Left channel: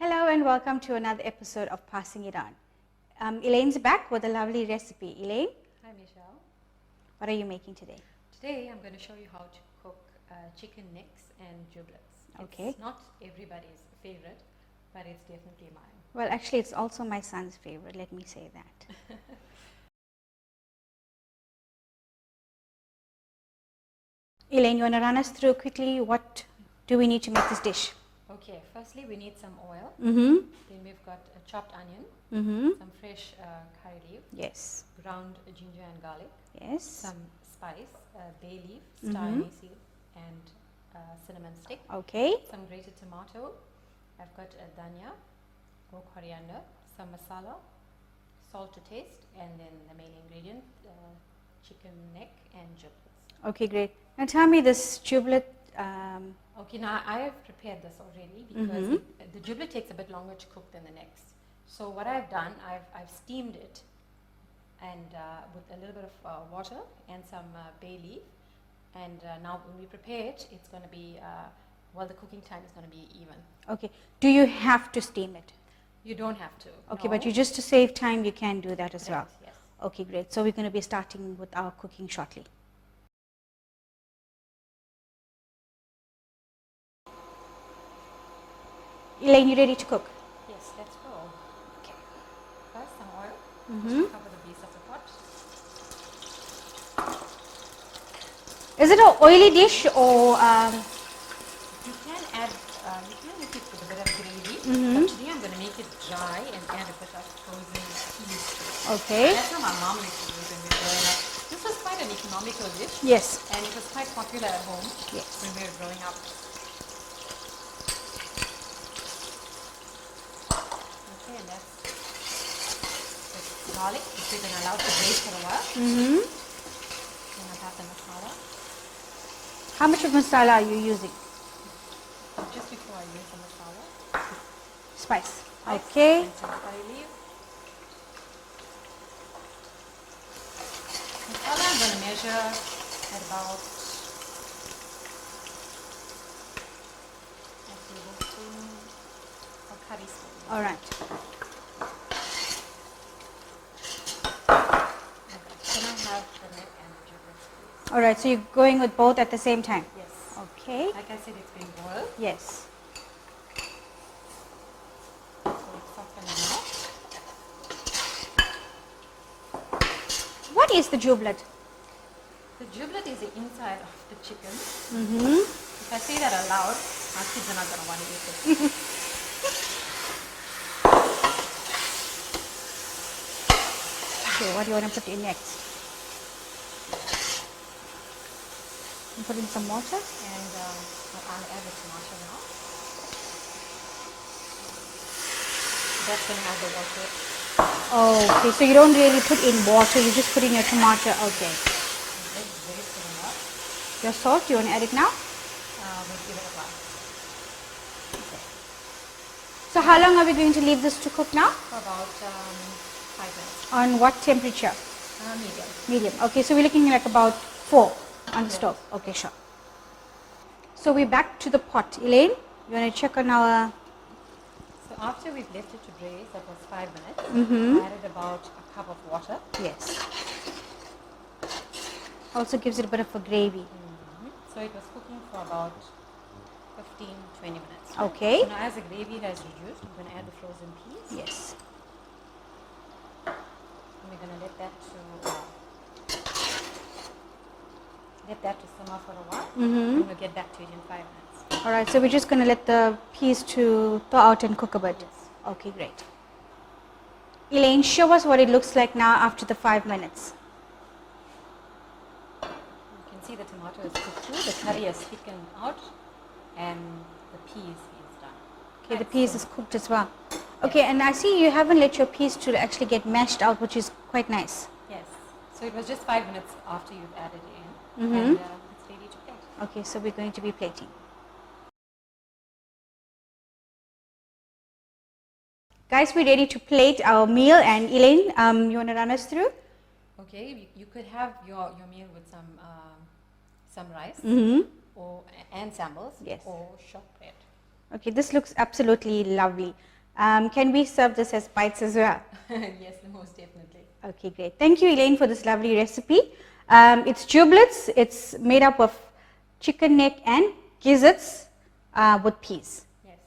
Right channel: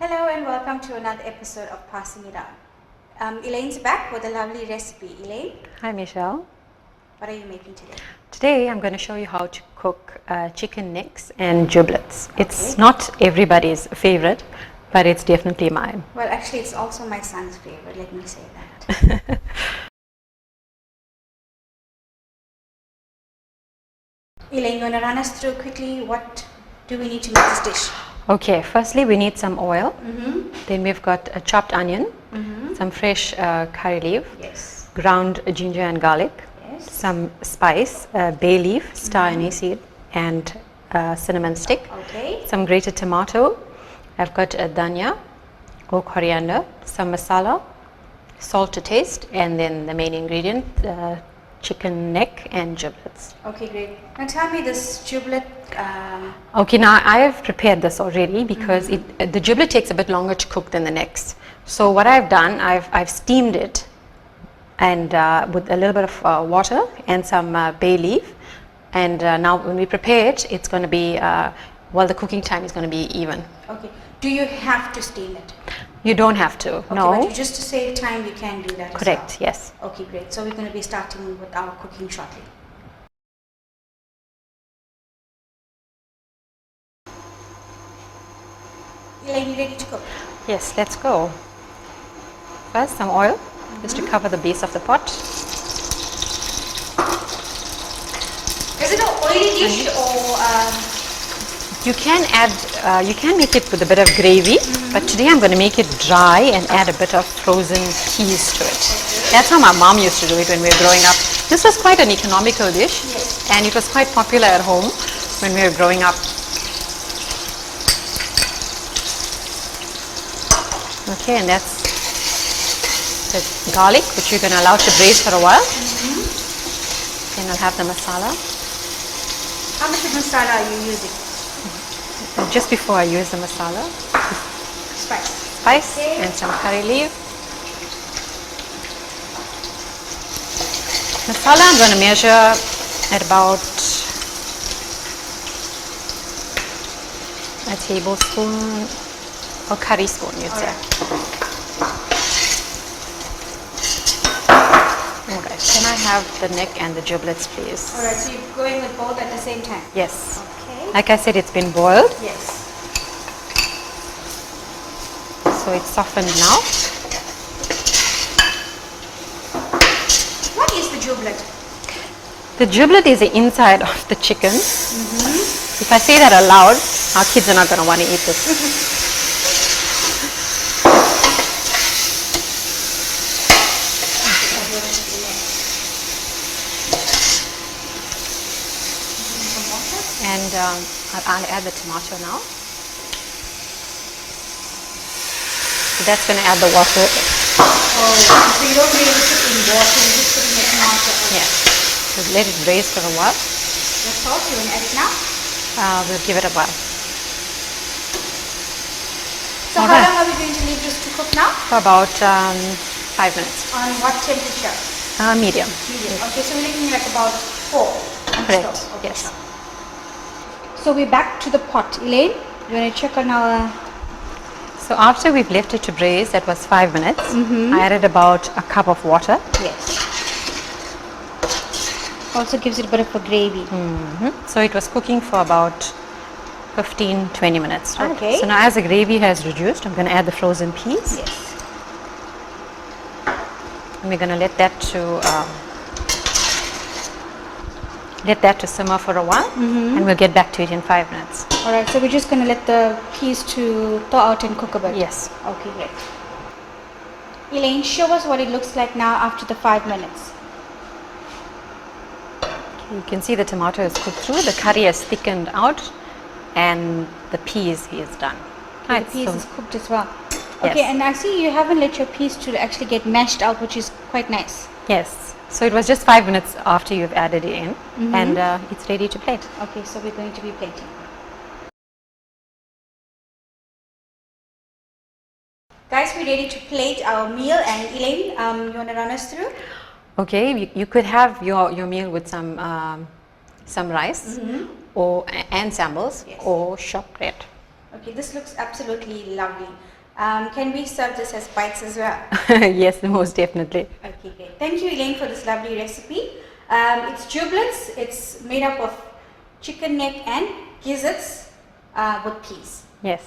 Hello and welcome to another episode of Passing It On. Elaine's back with a lovely recipe. Elaine, Hi Michelle. what are you making today? Today I'm going to show you how to cook chicken necks and giblets. It's not everybody's favorite, but it's definitely mine. Well, actually it's also my son's favorite, let me say that. Elaine, you want to run us through quickly what do we need to make this dish? Okay, firstly we need some oil. Then we've got a chopped onion, some fresh curry leaf, Yes. ground ginger and garlic, Yes. some spice, bay leaf, star anise seed, and cinnamon stick. Okay. Some grated tomato. I've got a dhania or coriander, some masala, salt to taste, and then the main ingredient, chicken neck and giblets. Okay, great. Now tell me this giblet. Okay, now I have prepared this already because the giblet takes a bit longer to cook than the necks. So what I've done, I've steamed it and with a little bit of water and some bay leaf. And now when we prepare it, it's going to be, the cooking time is going to be even. Okay. Do you have to steam it? You don't have to, Okay, no. but just to save time, you can do that Correct, as well. yes. Okay, great. So we're going to be starting with our cooking shortly. Elaine, you ready to cook? Yes, let's go. First, some oil, just to cover the base of the pot. Is it an oily dish or? You can add, you can make it with a bit of gravy, but today I'm going to make it dry and add a bit of frozen peas to it. Okay. That's how my mom used to do it when we were growing up. This was quite an economical dish. Yes. And it was quite popular at home when we were growing up. Okay, and that's the garlic, which you're going to allow to braise for a while. Then I'll have the masala. How much of masala are you using? Just before I use the masala, Spice. Okay. And some curry leaf. Masala I'm going to measure at about a tablespoon or curry spoon, you'd say. Alright, can I have the neck and the giblets, please? Alright, so you're going with both at the same time? Yes. Okay. Like I said, it's been boiled, Yes. so it's softened now. What is the giblet? The giblet is the inside of the chicken. If I say that aloud, our kids are not going to want to eat this. Okay, what do you want to put in next? Put in some water? And I'll add the tomato now. So that's going to add the water. Oh, so you don't really put in water, you're just putting your tomato on. Yeah. So let it braise for a while. The salt, you want to add it now? We'll give it a while. So how long are we going to leave this to cook now? For about 5 minutes. On what temperature? Medium. Medium. Okay, so we're looking at about 4 on the Correct. stove. Okay, Yes. sure. So we're back to the pot. Elaine, you want to check on our... So after we've left it to braise, that was 5 minutes. I added about a cup of water. Yes. Also gives it a bit of a gravy. So it was cooking for about 15-20 minutes. Right? Okay. So now as the gravy has reduced, I'm going to add the frozen peas. Yes. And we're going to let that to simmer for a while, and we'll get back to it in 5 minutes. Alright, so we're just going to let the peas to thaw out and cook a bit. Yes. Okay, great. Elaine, show us what it looks like now after the 5 minutes. You can see the tomato is cooked through, the curry has thickened out, and the peas is done. Okay, Right, the peas so- is cooked as well. Yes. Okay, and I see you haven't let your peas to actually get mashed out, which is quite nice. Yes. So it was just 5 minutes after you've added it in, and it's ready to plate. Okay, so we're going to be plating. Guys, we're ready to plate our meal, and Elaine, you want to run us through? Okay, you could have your meal with some rice, and sambals, Yes. or shortbread. Okay, this looks absolutely lovely. Can we serve this as bites as well? Yes, most definitely. Okay, great. Thank you, Elaine, for this lovely recipe. It's giblets. It's made up of chicken neck and gizzards with peas. Yes.